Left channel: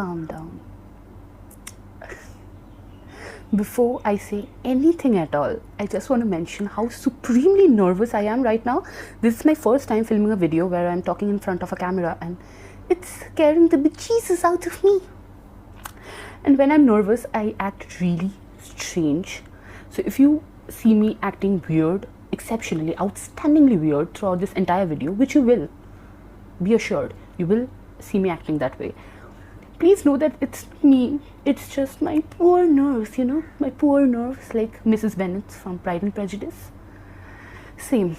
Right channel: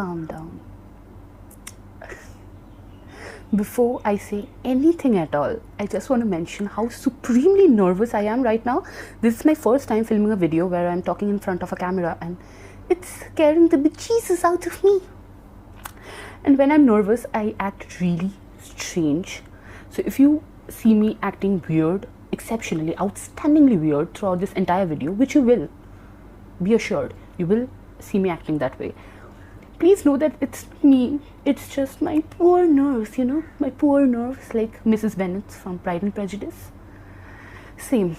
calm down. Before I say anything at all, I just want to mention how supremely nervous I am right now. This is my first time filming a video where I'm talking in front of a camera, and it's scaring the bejesus out of me. And when I'm nervous, I act really strange. So if you see me acting weird, exceptionally, outstandingly weird throughout this entire video, which you will, be assured, you will see me acting that way, please know that it's me. It's just my poor nerves, my poor nerves, like Mrs. Bennet from Pride and Prejudice. Same.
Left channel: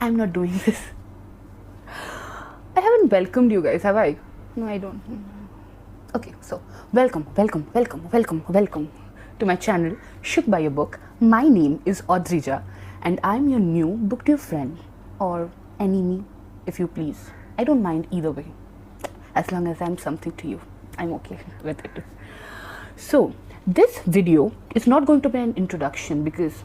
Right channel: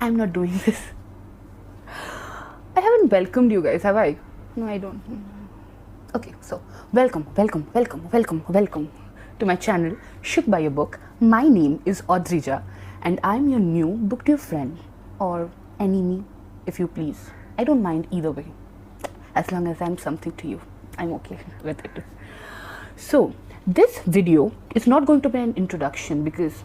I'm not doing this. I haven't welcomed you guys, have I? No, I don't. Okay, so welcome to my channel, Shook by a Book. My name is Adrija, and I'm your new Booktube friend, or enemy, if you please. I don't mind either way. As long as I'm something to you, I'm okay with it. So, this video is not going to be an introduction, because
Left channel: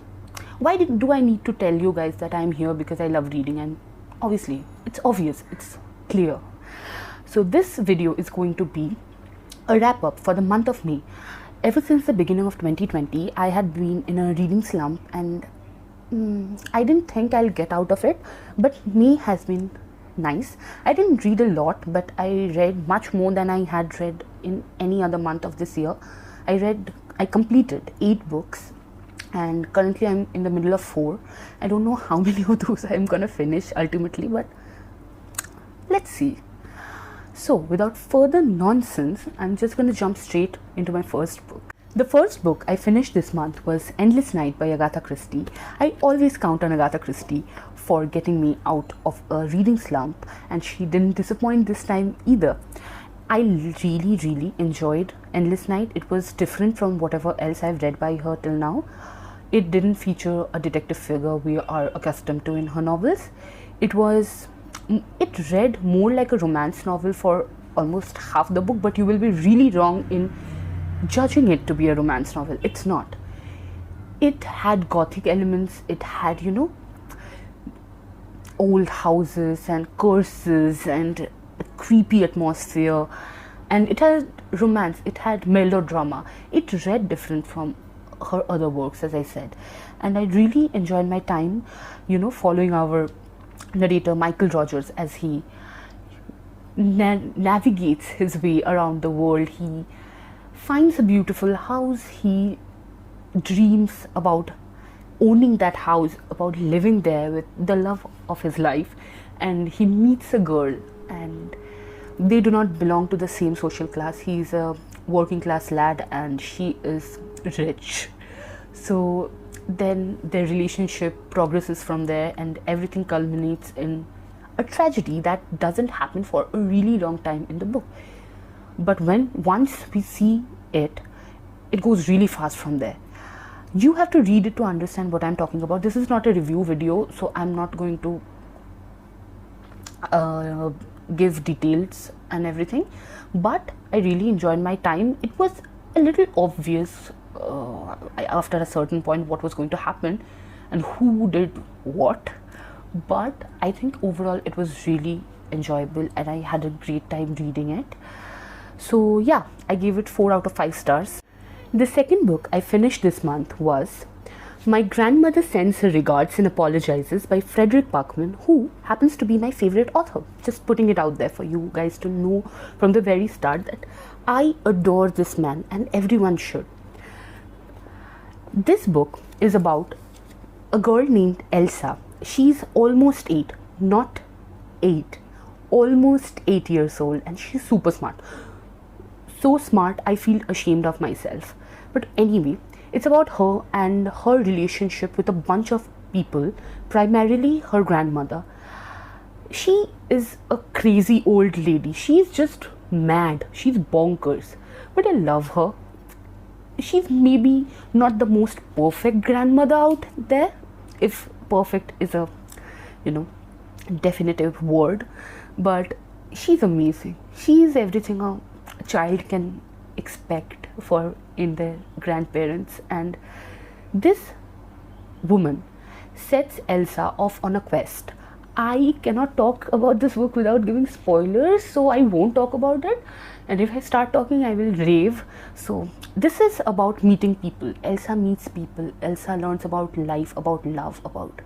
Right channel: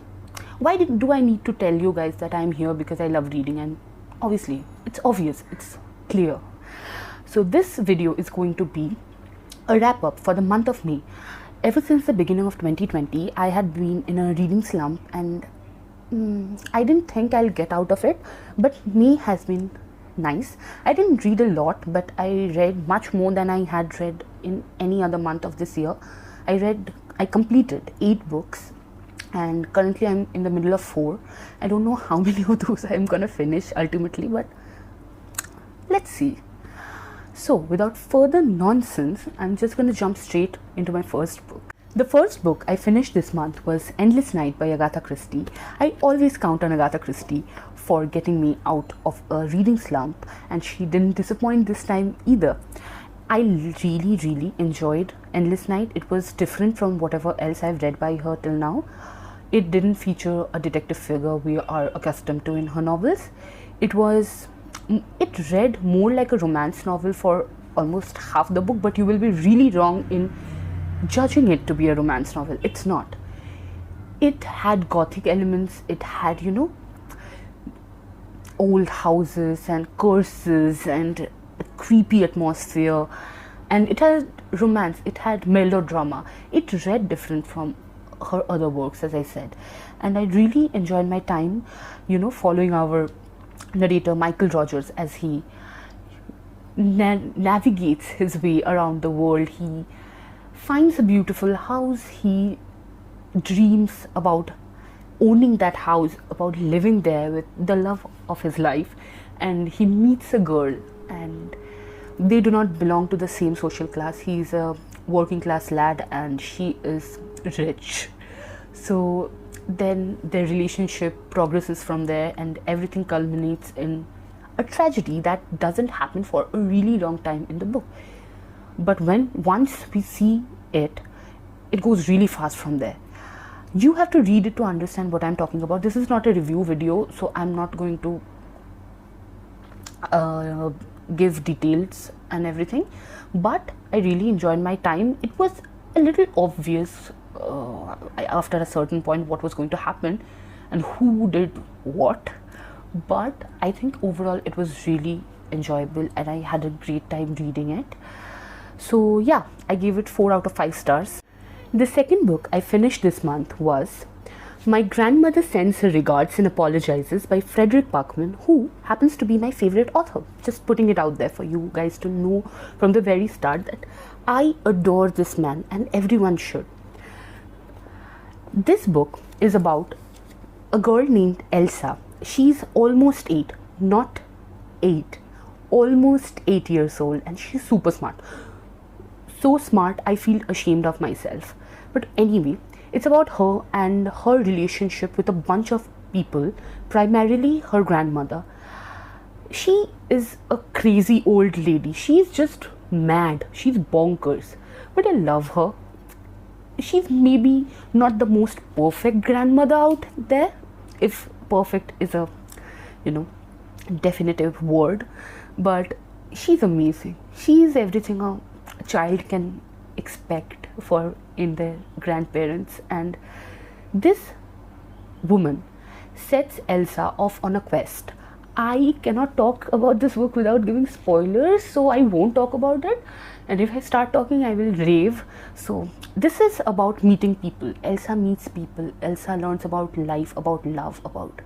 why do I need to tell you guys that I'm here because I love reading? And obviously, it's obvious, it's clear. So, this video is going to be a wrap-up for the month of May. Ever since the beginning of 2020, I have been in a reading slump, and I didn't think I'd get out of it, but May has been nice. I didn't read a lot, but I read much more than I had read in any other month of this year. I completed 8 books, and currently I'm in the middle of 4. I don't know how many of those I'm gonna finish ultimately, but let's see. So, without further nonsense, I'm just gonna jump straight into my first book. The first book I finished this month was Endless Night by Agatha Christie. I always count on Agatha Christie for getting me out of a reading slump, and she didn't disappoint this time either. I really enjoyed Endless Night. It was different from whatever else I've read till now. It didn't feature a detective serial we are accustomed to in novels. It felt more like a romance novel for most half the book, but you will be really wrong in choosing it to be a romance novel. It's not. It had gothic elements. It had, old houses and curses and creepy atmosphere, and it had romance, it had melodrama. It read different from her other works, as I said, and I really enjoyed my time, following our narrator Michael Rogers as he navigates his way around the world. He finds a beautiful house, he dreams about owning that house, about living there with the love of his life, and he meets a girl, and they do not belong to the same social class. He's a working class lad and she is rich. So then their relationship progresses from there, and everything culminates in a tragedy that doesn't happen for a really long time in the book. But once we see it goes really fast from there. You have to read it to understand what I'm talking about. This is not a review video, so I'm not going to give details and everything, but I really enjoyed my time. It was a little obvious after a certain point what was going to happen and who did what, but I think overall it was really enjoyable and I had a great time reading it. So yeah, I gave it 4 out of 5 stars. The second book I finished this month was My Grandmother Sends Her Regards and Apologises by Frederick Parkman, who happens to be my favorite author. Just putting it out there for you guys to know from the very start that I adore this man and everyone should. This book is about a girl named Elsa. She's almost 8, not 8, almost 8 years old, and she's super smart. So smart, I feel ashamed of myself. But anyway, it's about her and her relationship with a bunch of people, primarily her grandmother. She is a crazy old lady. She's just mad. She's bonkers. But I love her. She's maybe not the most perfect grandmother out there, if perfect is a, definitive word. But she's amazing. She's everything a child can expect for in their grandparents, and this woman sets Elsa off on a quest. I cannot talk about this book without giving spoilers, so I won't talk about it. And if I start talking, I will rave. So this is about meeting people. Elsa meets people. Elsa learns about life, about love, about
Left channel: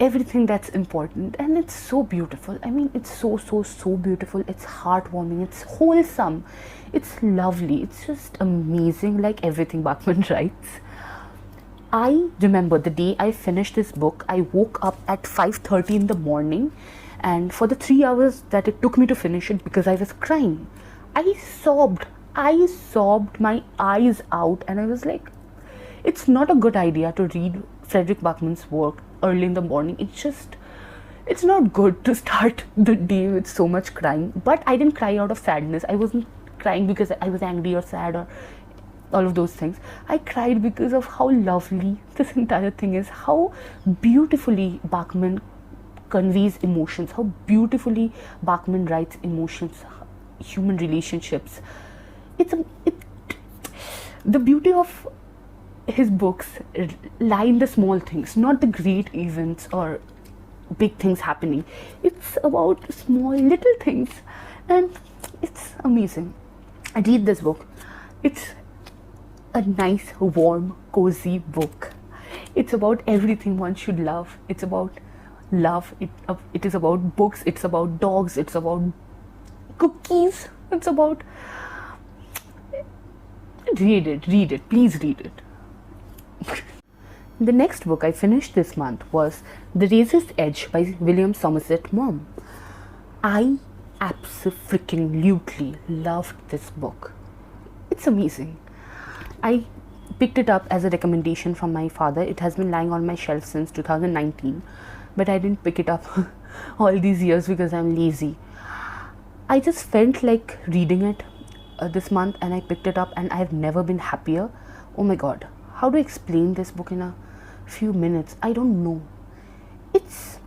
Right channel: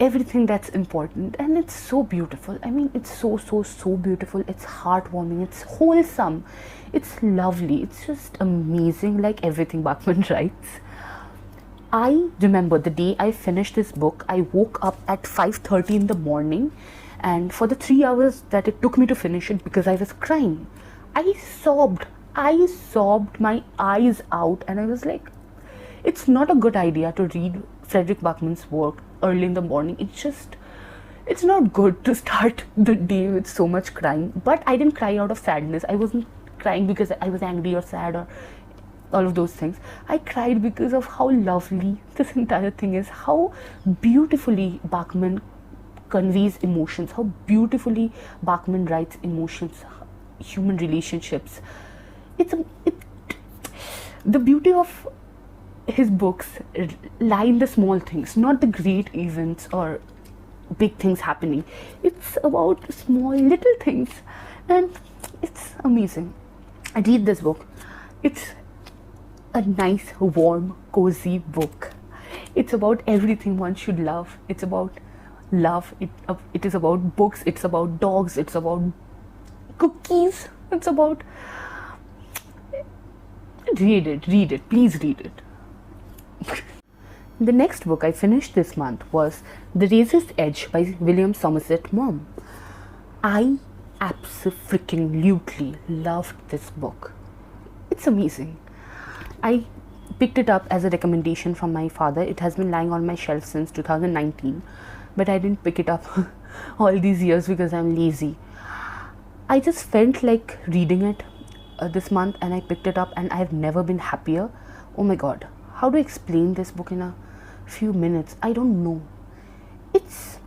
everything that's important, and it's so beautiful. I mean, it's so beautiful. It's heartwarming, it's wholesome, it's lovely, it's just amazing, like everything Bachman writes. I remember the day I finished this book, I woke up at 5:30 in the morning, and for the 3 hours that it took me to finish it, because I was crying, I sobbed my eyes out, and I was like, it's not a good idea to read Frederick Bachman's work early in the morning. It's not good to start the day with so much crying. But I didn't cry out of sadness. I wasn't crying because I was angry or sad or all of those things. I cried because of how lovely this entire thing is, how beautifully Bachman conveys emotions, how beautifully Bachman writes emotions, human relationships. The beauty of his books lie in the small things, not the great events or big things happening. It's about small little things, and it's amazing. I read this book. It's a nice, warm, cozy book. It's about everything one should love. It's about love. It is about books. It's about dogs. It's about cookies. It's about... Read it. Please read it. The next book I finished this month was The Razor's Edge by William Somerset Maugham. I absolutely loved this book. It's amazing. I picked it up as a recommendation from my father. It has been lying on my shelf since 2019, but I didn't pick it up all these years because I'm lazy. I just felt like reading it this month, and I picked it up, and I've never been happier. Oh my god, how to explain this book in a few minutes? I don't know. It's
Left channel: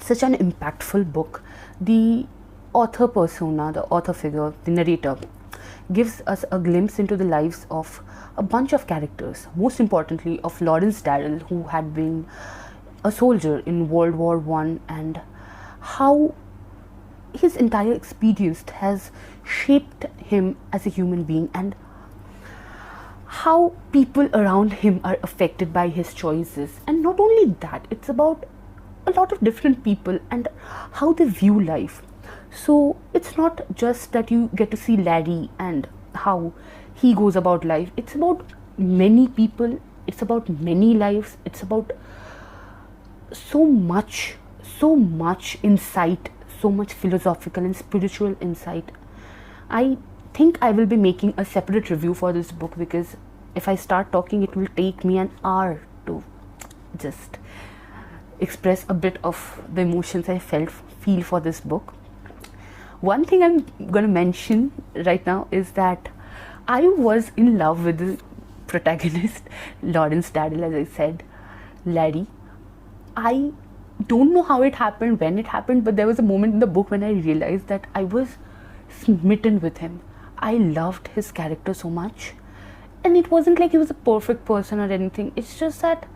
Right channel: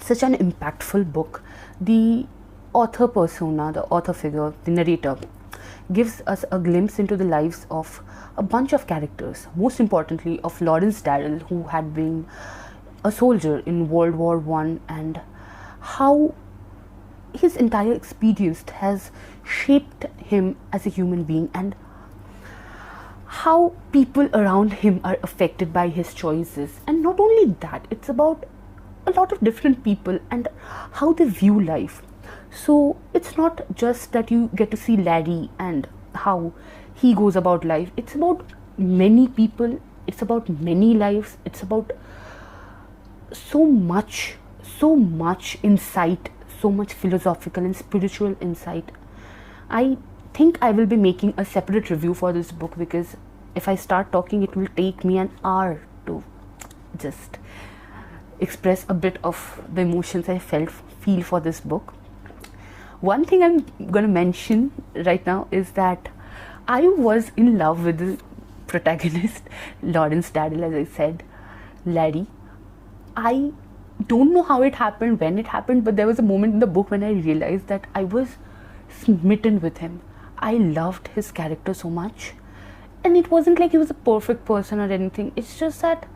such an impactful book. The author persona, the author figure, the narrator, gives us a glimpse into the lives of a bunch of characters, most importantly of Lawrence Darrell, who had been a soldier in World War I, and how his entire experience has shaped him as a human being, and how people around him are affected by his choices. And not only that, it's about a lot of different people and how they view life. So it's not just that you get to see Larry and how he goes about life. It's about many people. It's about many lives. It's about so much insight, so much philosophical and spiritual insight. I think I will be making a separate review for this book, because if I start talking, it will take me an hour to just express a bit of the emotions I feel for this book. One thing I'm going to mention right now is that I was in love with the protagonist, Lawrence Darrell, as I said, Larry. I don't know how it happened, when it happened, but there was a moment in the book when I realized that I was smitten with him. I loved his character so much. And it wasn't like he was a perfect person or anything. It's just that...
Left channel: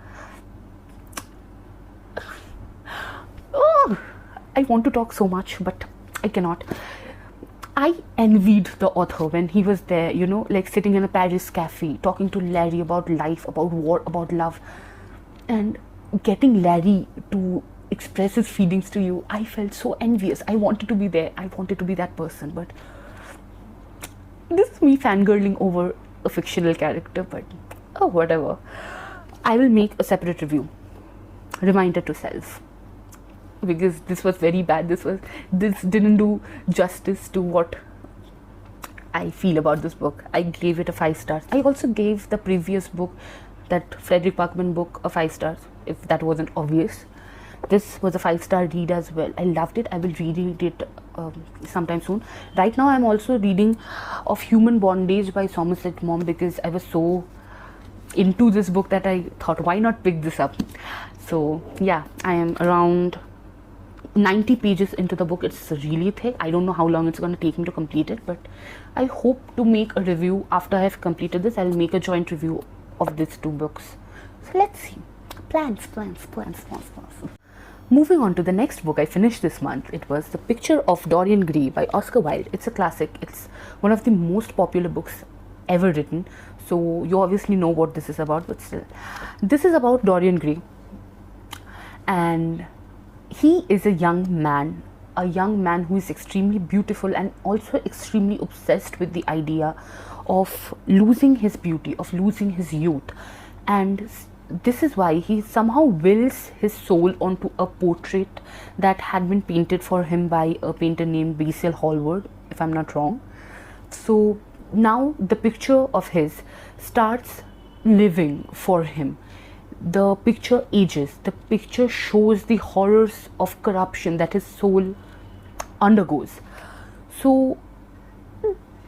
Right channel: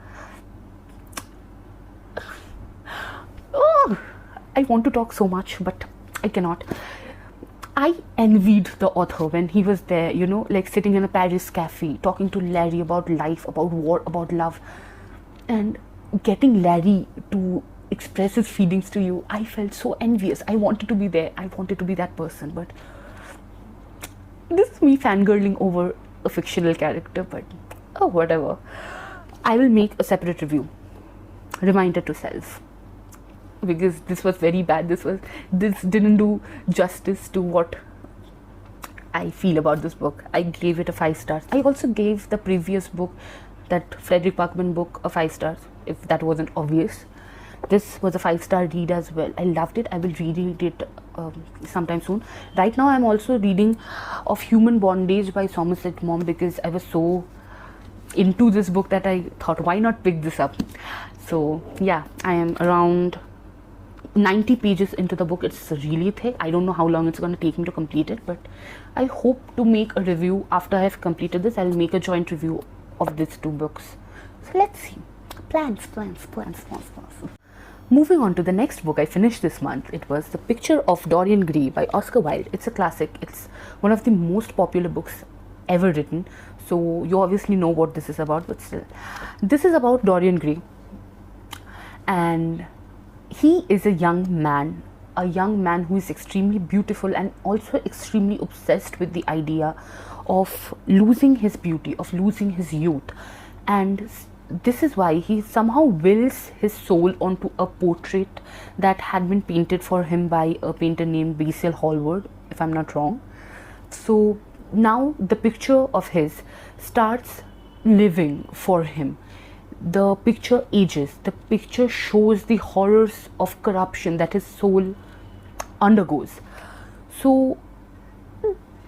I want to talk so much, but I cannot. I envied the author when he was there, like sitting in a Paris cafe, talking to Larry about life, about war, about love, and getting Larry to express his feelings to you. I felt so envious. I wanted to be there. I wanted to be that person, but this is me fangirling over a fictional character, but whatever. I will make a separate review. Reminder to self. Because this was very bad. This didn't do justice to what I feel about this book. I gave it a 5 stars. I also gave the previous book, that Frederick Bachman book, a 5 stars, if that wasn't obvious. This was a 5-star read as well. I loved it. I will reread it sometime soon. Right now I'm also reading Of Human Bondage by Somerset Maugham, because I was so into this book that I thought, why not pick this up? So yeah, I am around 90 pages into the book. It's really thick. I don't know how long it's going to take me to complete it, but I hope to make a review after I've completed this. I'll make a joint review of these 2 books. So let's see. Plans. Moving on to the next book I finished this month, it was The Picture of Dorian Gray by Oscar Wilde. It's a classic. It's one of the most popular books ever written. So you obviously know what this is about, but still. This is about Dorian Gray. And he is a young man who is extremely beautiful and also extremely obsessed with the idea of losing his beauty, of losing his youth. And this is why he somehow wills his soul onto a portrait that had been painted for him by a painter named Basil Hallward, if I'm not wrong. So now the picture of his starts living for him. The picture ages. The picture shows the horrors of corruption that his soul undergoes. So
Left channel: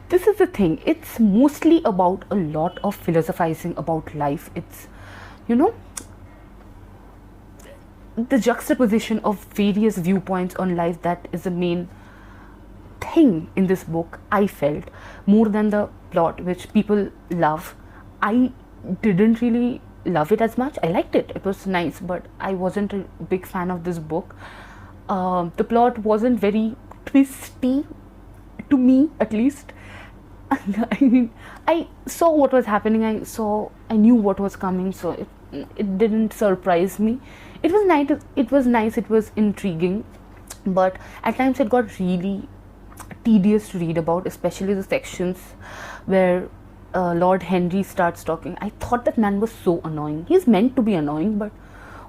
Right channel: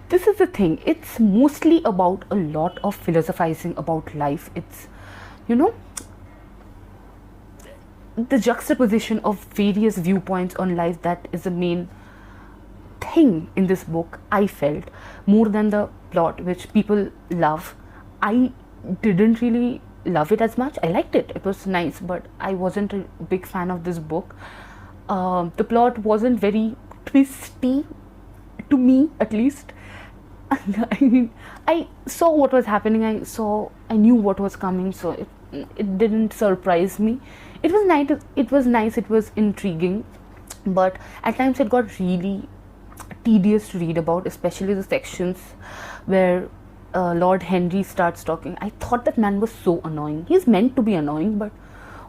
this is the thing. It's mostly about a lot of philosophizing about life. It's, the juxtaposition of various viewpoints on life that is the main thing in this book, I felt, more than the plot, which people love. I didn't really love it as much. I liked it. It was nice, but I wasn't a big fan of this book. The plot wasn't very twisty, to me at least. I saw what was happening. I knew what was coming, so it didn't surprise me. It was nice. It was intriguing, but at times it got really tedious to read about, especially the sections where Lord Henry starts talking. I thought that man was so annoying. He's meant to be annoying, but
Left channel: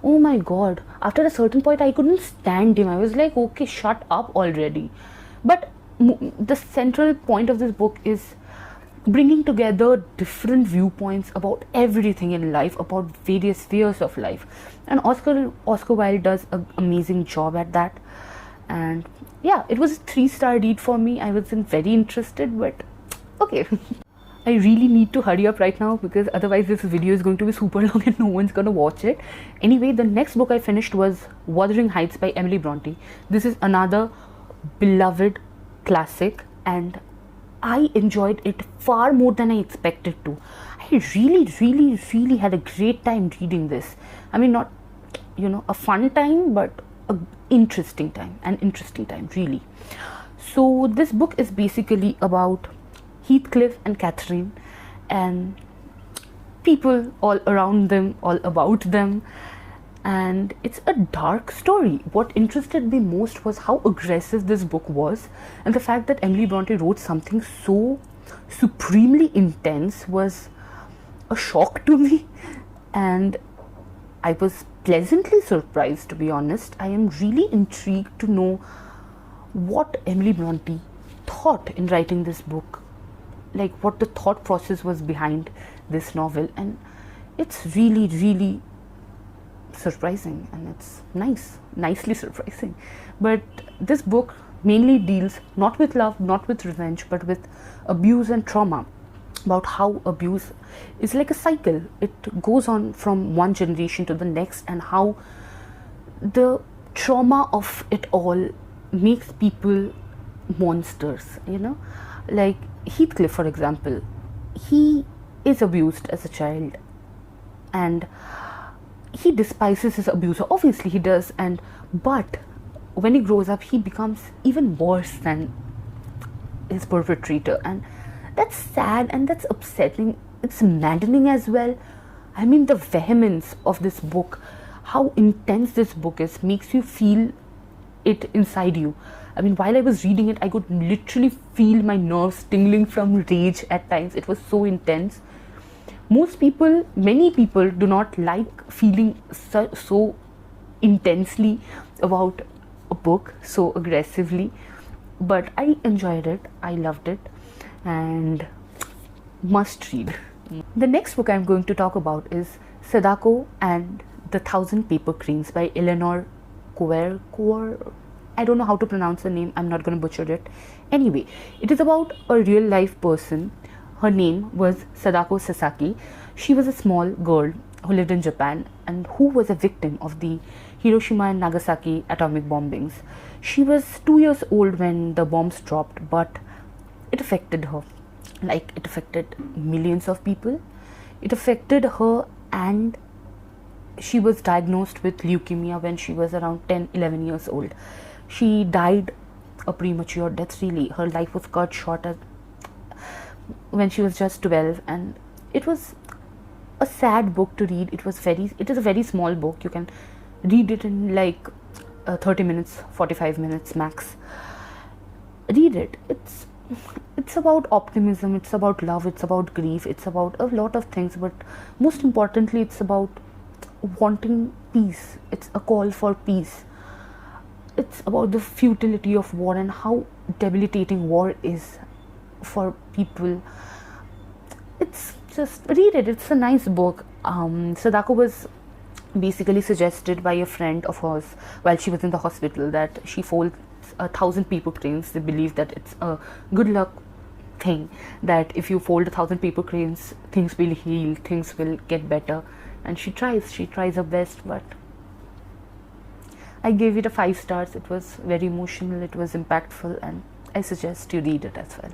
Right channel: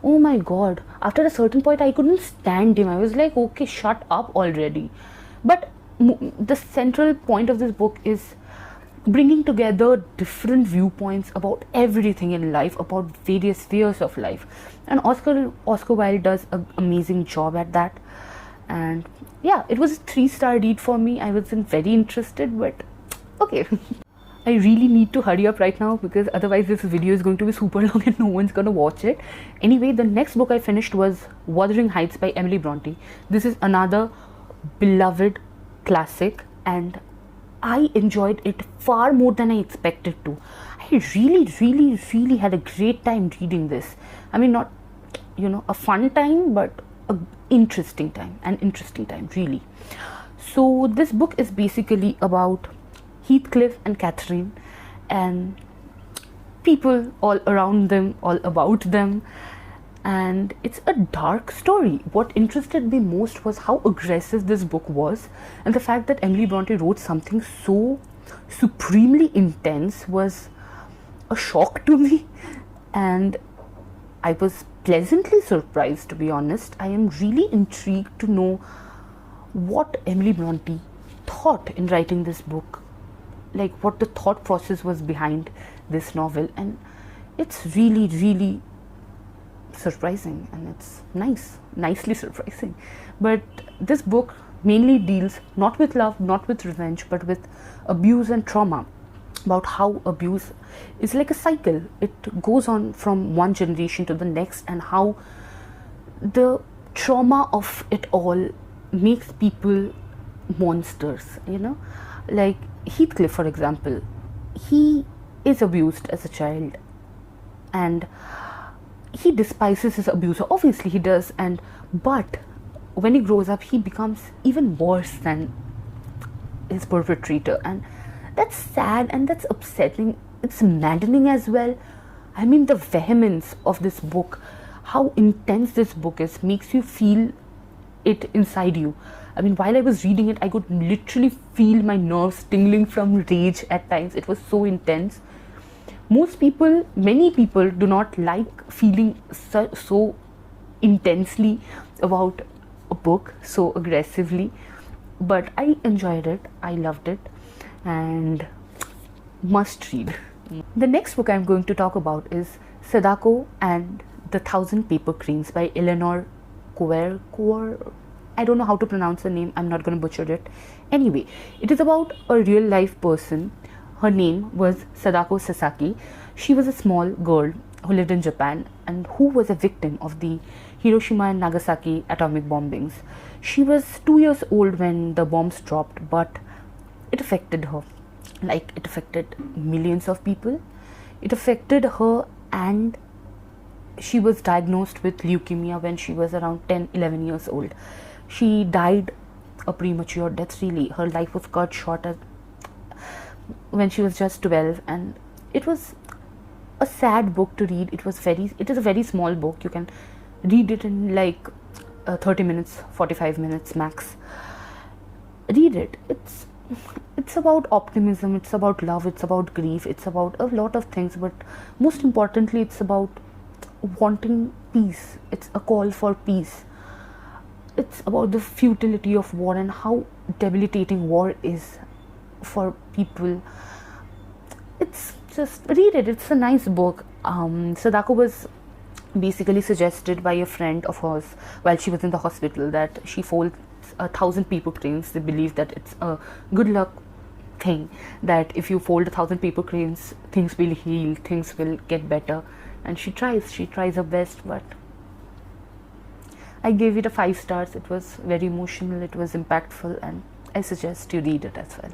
oh my god, after a certain point I couldn't stand him. I was like, okay, shut up already. But the central point of this book is bringing together different viewpoints about everything in life, about various spheres of life, and Oscar Wilde does an amazing job at that. And yeah, it was a 3-star read for me. I wasn't very interested, but okay. I really need to hurry up right now because otherwise this video is going to be super long and no one's gonna watch it. Anyway, the next book I finished was Wuthering Heights by Emily Bronte. This is another beloved classic and I enjoyed it far more than I expected to. I really had a great time reading this. I mean, not, a fun time, but an interesting time, really. So this book is basically about Heathcliff and Catherine and people all around them, all about them, and it's a dark story. What interested me most was how aggressive this book was, and the fact that Emily Bronte wrote something so supremely intense was a shock to me, and I was pleasantly surprised, to be honest. I am really intrigued to know what Emily Bronte thought in writing this book, like what the thought process was behind this novel, and it's really surprising, and it's nicely surprising. But this book mainly deals not with love, not with revenge, but with abuse and trauma, about how abuse is like a cycle. It goes on from one generation to the next, and how the trauma of it all makes people monsters, like Heathcliff, for example. He is abused as a child and he despises his abuser. Obviously he does, but when he grows up he becomes even worse than his perpetrator, and that's sad and that's upsetting. It's maddening as well. I mean, the vehemence of this book, how intense this book is, makes you feel it inside you. I mean, while I was reading it, I could literally feel my nerves tingling from rage at times. It was so intense. Many people do not like feeling so intensely about a book, so aggressively, but I enjoyed it. I loved it, and must read. The next book I'm going to talk about is Sadako and the 1,000 Paper Cranes by Eleanor Kuerkuer. I don't know how to pronounce the name. I'm not going to butcher it. Anyway, it is about a real life person. Her name was Sadako Sasaki. She was a small girl who lived in Japan and who was a victim of the Hiroshima and Nagasaki atomic bombings. She was 2 years old when the bombs dropped, but it affected her. Like, it affected millions of people. It affected her and she was diagnosed with leukemia when she was around 10-11 years old. She died a premature death, really. Her life was cut short when she was just 12, and it was a sad book to read. It is a very small book. You can read it in like 30 minutes, 45 minutes max. Read it. It's about optimism, it's about love, it's about grief, it's about a lot of things, but most importantly it's about wanting peace. It's a call for peace. It's about the futility of war and how debilitating war is for people. It's just, read it. It's a nice book. Sadako was basically suggested by a friend of hers while she was in the hospital that she folds 1,000 paper cranes. They believe that it's a good luck thing, that if you fold 1,000 paper cranes, things will heal, things will get better. And she tries her best, but I gave it a 5 stars. It was very emotional, it was impactful, and I suggest you read it as well.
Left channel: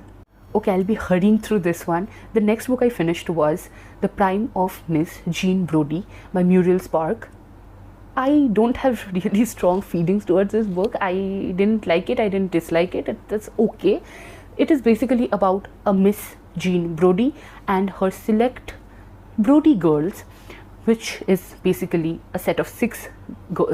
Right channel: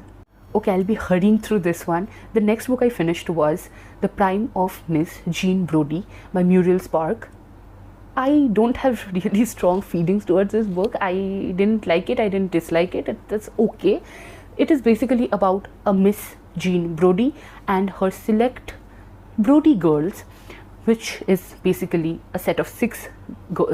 Okay, I'll be hurrying through this one. The next book I finished was The Prime of Miss Jean Brodie by Muriel Spark. I don't have really strong feelings towards this book. I didn't like it, I didn't dislike it. That's okay. It is basically about a Miss Jean Brodie and her select Brodie girls, which is basically a set of 6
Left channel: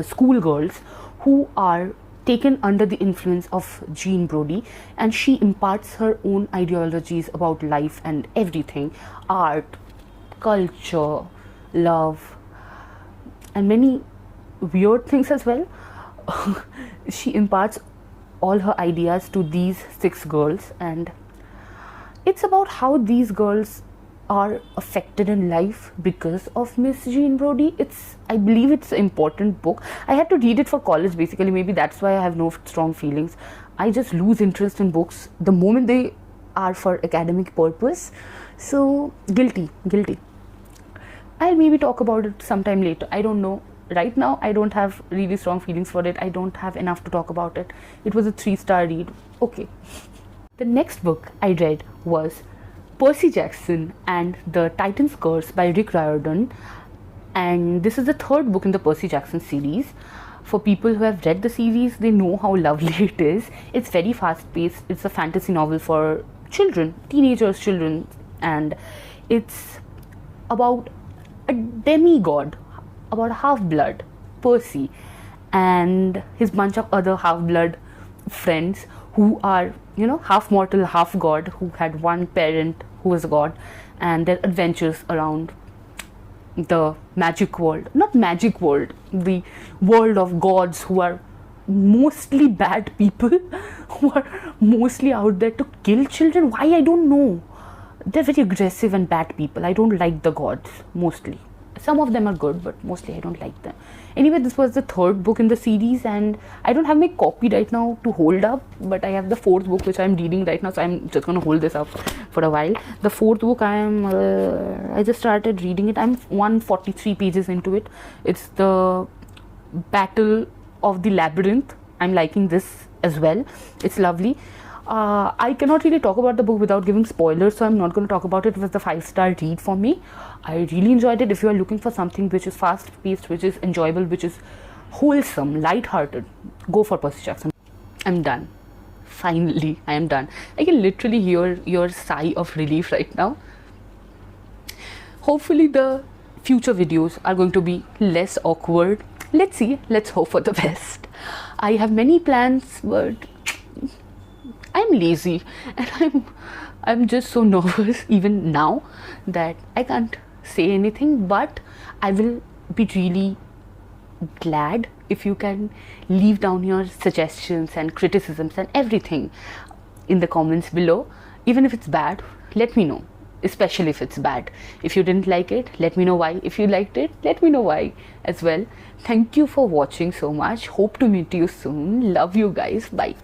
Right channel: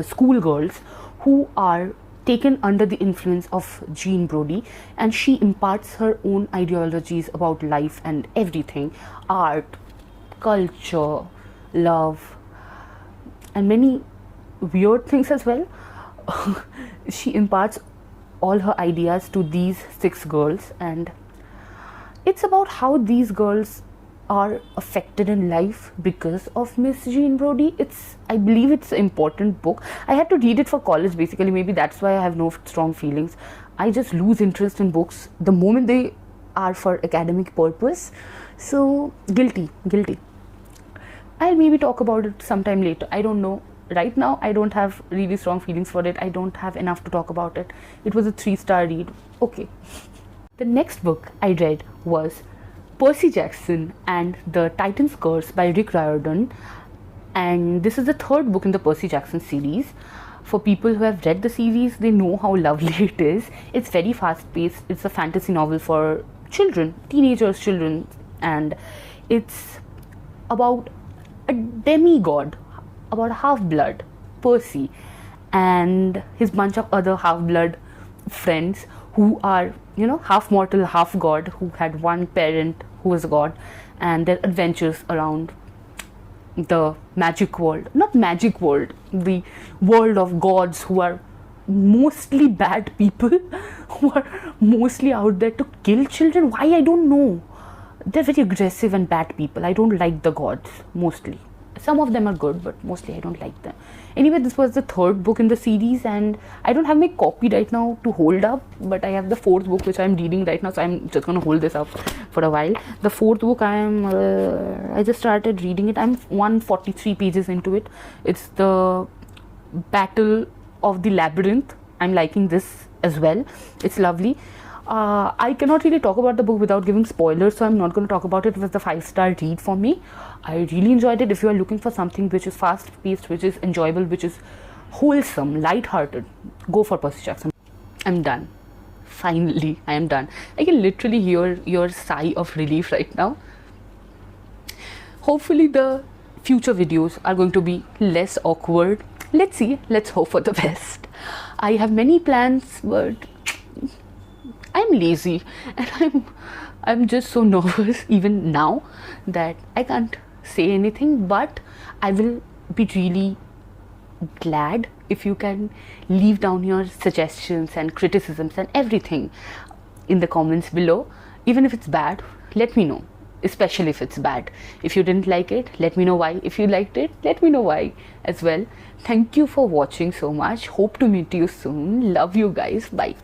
school girls who are taken under the influence of Jean Brodie, and she imparts her own ideologies about life and everything, art, culture, love, and many weird things as well. She imparts all her ideas to these 6 girls, and it's about how these girls are affected in life because of Miss Jean Brodie. I believe it's an important book. I had to read it for college basically. Maybe that's why I have no strong feelings. I just lose interest in books the moment they are for academic purpose. So guilty. I'll maybe talk about it sometime later. I don't know. Right now I don't have really strong feelings for it. I don't have enough to talk about it. It was a 3-star read. Okay. The next book I read was Percy Jackson and the Titan's Curse by Rick Riordan, and this is the 3rd book in the Percy Jackson series. For people who have read the series, they know how lovely it is. It's very fast paced. It's a fantasy novel for children, children, and it's about a demigod, about a half-blood, Percy, and his bunch of other half-blood friends who are, half mortal, half god, who had one parent who was god, and their adventures around the magic world. Not magic world, the world of gods who are mostly bad people, who are mostly out there to kill children. Why? I don't know. They're very aggressive and bad people. I don't like the gods, mostly. Some of them are good, but mostly I don't like them. Anyway, this was the 3rd book in the series, and I don't have my copy right now to hold up, but I have the 4th book which I'm reading right now, so I'm just going to hold this up for a while. The 4th book I just started reading it. I'm 143 pages into it. It's the Battle of the Labyrinth. I'm liking this as well. It's lovely. I cannot really talk about the book without giving spoilers, so I'm not going to talk about it. It was the 5-star read for me. I really enjoyed it. If you are looking for something which is fast paced, which is enjoyable, which is wholesome, light-hearted, go for Percy Jackson. I'm done. Finally, I am done. I can literally hear your sigh of relief right now. Hopefully the future videos are going to be less awkward. Let's see. Let's hope for the best. I have many plans, but I'm lazy, and I'm just so nervous even now that I can't say anything, but I will be really glad if you can leave down your suggestions and criticisms and everything in the comments below. Even if it's bad, let me know, especially if it's bad. If you didn't like it, let me know why. If you liked it, let me know why as well. Thank you for watching so much. Hope to meet you soon. Love you guys. Bye.